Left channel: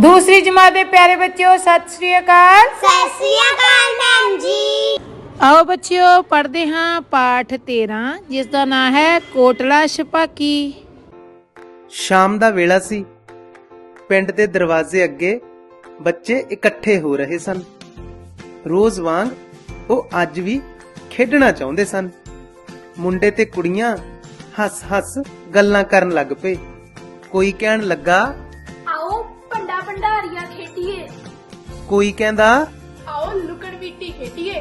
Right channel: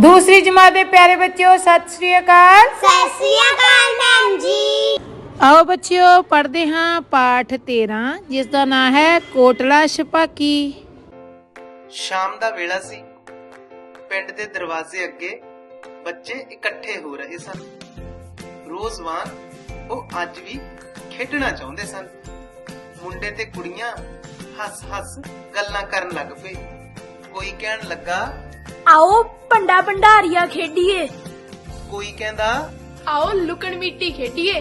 ਦੂਸਰੀ ਜਮਾਤ ਦੇ ਪਿਆਰੇ ਬੱਚਿਓ ਸਤਿ ਸ੍ਰੀ ਅਕਾਲ। ਸਤਿ ਸ੍ਰੀ ਅਕਾਲ ਭੈਣ ਜੀ। ਆਓ ਬੱਚਿਓ ਪੜ੍ਹਦੇ ਹਾਂ ਪਾਠ 13 ਜਿਸ ਦਾ ਨਾਮ ਹੈ ਕੋਟਲਾ ਛਪਾਕੀ। ਸ਼ਾਮ ਦਾ ਵੇਲਾ ਸੀ। ਪਿੰਡ ਦੇ ਦਰਵਾਜ਼ੇ ਅੱਗੇ ਬੱਚੇ ਇਕੱਠੇ ਹੋ ਰਹੇ ਸਨ। ਰੋਜ਼ ਵਾਂਗ ਉਹ ਅੱਜ ਵੀ ਖੇਡਣਾ ਚਾਹੁੰਦੇ ਸਨ। ਮੁੰਡੇ ਤੇ ਕੁੜੀਆਂ ਹੱਸ-ਹੱਸ ਗੱਲਾਂ ਕਰਨ ਲੱਗ ਪਏ। ਕੋਈ ਕਹਿਣ ਲੱਗਾ ਆਓ ਭੰਡਾ ਭੰਡਾਰੀਆ ਖੇਡੀਏ। ਕੋਈ ਕਹਿੰਦਾ? ਆਓ ਲੁਕਣ ਮਿੱਟੀ ਖੇਡੀਏ।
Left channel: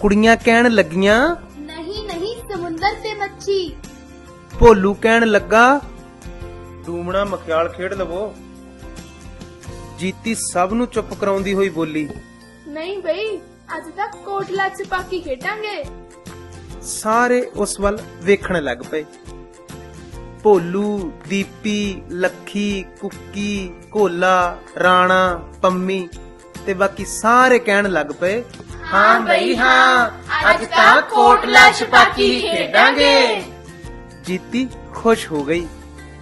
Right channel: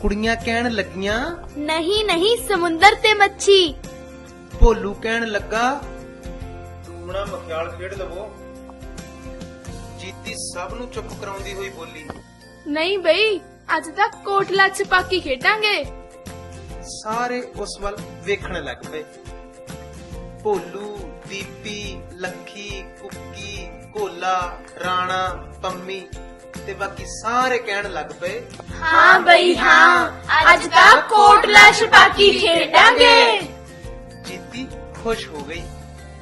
ਕੁੜੀਆਂ ਕਹਿਣ ਲੱਗੀਆਂ? ਨਹੀਂ ਨਹੀਂ ਸਮੁੰਦਰ ਤੇ ਮੱਛੀ। ਭੋਲੂ ਕਹਿਣ ਲੱਗਾ ਡੂਮਣਾ ਮਖਿਆਲ ਖੇਡ ਲਵੋ। ਜੀਤੀ ਸਭ ਨੂੰ ਚੁੱਪ ਕਰਾਉਂਦੀ ਹੋਈ ਬੋਲੀ। ਨਹੀਂ ਬਈ ਅੱਜ ਤੱਕ ਕੋਟਲਾ ਛਪਾਕੀ ਖੇਡਾਂਗੇ। ਸਾਰੇ ਉਸ ਵੱਲ ਵੇਖਣ ਲੱਗ ਪਏ। ਭੋਲੂ ਦੀਪੀ ਲੱਖੀ ਕੁੱਕੀ ਕੋਲਾ ਰਾਣਾ ਪੰਮੀ ਤੇ ਬਾਕੀ ਸਾਰੇ ਕਹਿਣ ਲੱਗ ਪਏ ਹਾਂ ਬਈ ਹਾਂ ਅੱਜ ਤਾਂ ਕੋਟਲਾ ਛਪਾਕੀ ਖੇਡਾਂਗੇ। ਜੀਤੀ ਖੁਸ਼ ਹੋ ਗਈ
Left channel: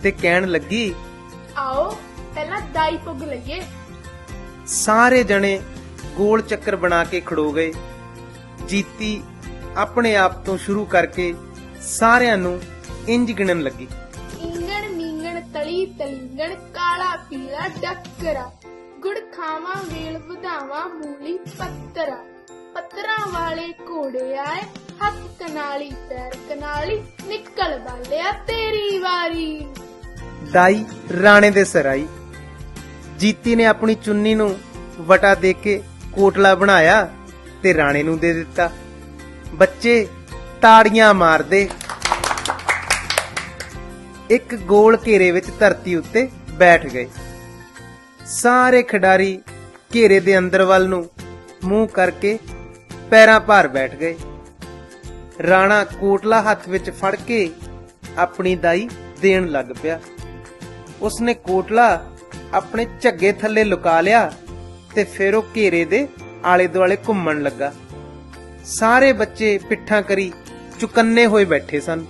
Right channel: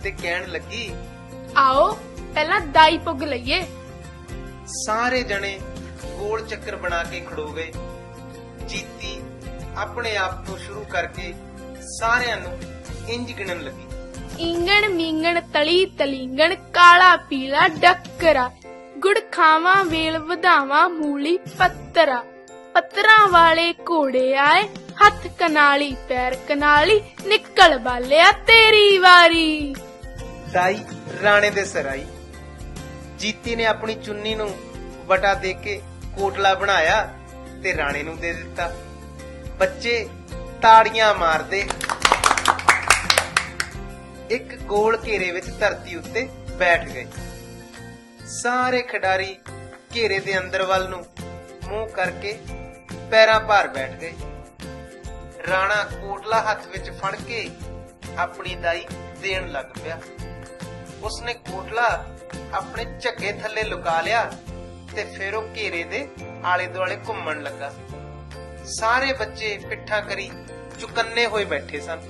ਤੇ ਕਹਿਣ ਲੱਗੀ ਆਓ ਪਹਿਲਾਂ ਦਾਈ ਪੁੱਗ ਲਈਏ। ਸਾਰੇ ਜਣੇ ਗੋਲ ਚੱਕਰ ਬਣਾ ਕੇ ਖੜੋ ਗਏ। ਜੀਤੀ ਆਪਣੇ ਆਪ ਤੋਂ ਸ਼ੁਰੂ ਕਰਕੇ ਸਾਰਿਆਂ ਨੂੰ ਇੰਜ ਗਿਣਨ ਲੱਗੀ। ਇੰਗਣ ਮੀਂਗਣ ਤਲੀ ਤਲਿੰਗਣ ਕਾਲਾ ਪੀਲਾ ਡੱਕਰਾ। ਗੁੜ ਖਾਵਾਂ ਵੇਲ ਵਧਾਵਾਂ ਮੂਲੀ ਪੱਤਰਾ। ਪੱਤਰਾਂ ਵਾਲੇ ਘੋੜੇ ਆਏ ਹੱਥ ਕਨਾਲੀ ਪੈਰ ਕਨਾਲੀ ਨਿਕਲ ਬਾਲਿਆ ਤੇਰੀ ਵਾਰੀ। ਦਾਈ ਰਾਣੇ ਦੇ ਸਿਰ ਆਈ ਜੀਤੀ ਨੇ ਆਪਣੀ ਚੁੰਨੀ ਨੂੰ ਵਟਾ ਦੇ ਕੇ ਕੋਟਲਾ ਬਣਾਇਆ ਤੇ ਰਾਣੇ ਨੂੰ ਦੇ ਦਿੱਤਾ। ਬੱਚੇ ਤਾੜੀਆਂ ਮਾਰਦੇ ਇੱਕ ਗੋਲ ਘੇਰੇ ਵਿੱਚ ਧਰਤੀ ਉੱਤੇ ਬੈਠ ਗਏ। ਸਾਰੇ ਖਿਡਾਰੀ ਘੇਰੇ ਦੇ ਅੰਦਰ ਵੱਲ ਨੂੰ ਮੂੰਹ ਕਰਕੇ ਪੈਰਾਂ ਭਾਰ ਬੈਠ ਗਏ। ਰਾਣਾ ਕੋਟਲਾ ਹੱਥ ਵਿੱਚ ਫੜ ਕੇ ਆਪਣੀ ਦਾਈ ਦੇਣ ਲੱਗ ਪਿਆ। ਉਸਨੇ ਕੋਟਲਾ ਆਪਣੇ ਝੱਗੇ ਥੱਲੇ ਲੁਕਾ ਲਿਆ ਤੇ ਫਿਰ ਉਹ ਘੇਰੇ ਦੇ ਆਲੇ ਦੁਆਲੇ ਘੁੰਮਣ ਲੱਗਾ। ਸਾਰੇ ਬੱਚੇ ਪਿੱਠਾਂ ਕਰੀ ਚੁਕੰਨੇ ਹੋਏ ਬੈਠੇ ਸਨ।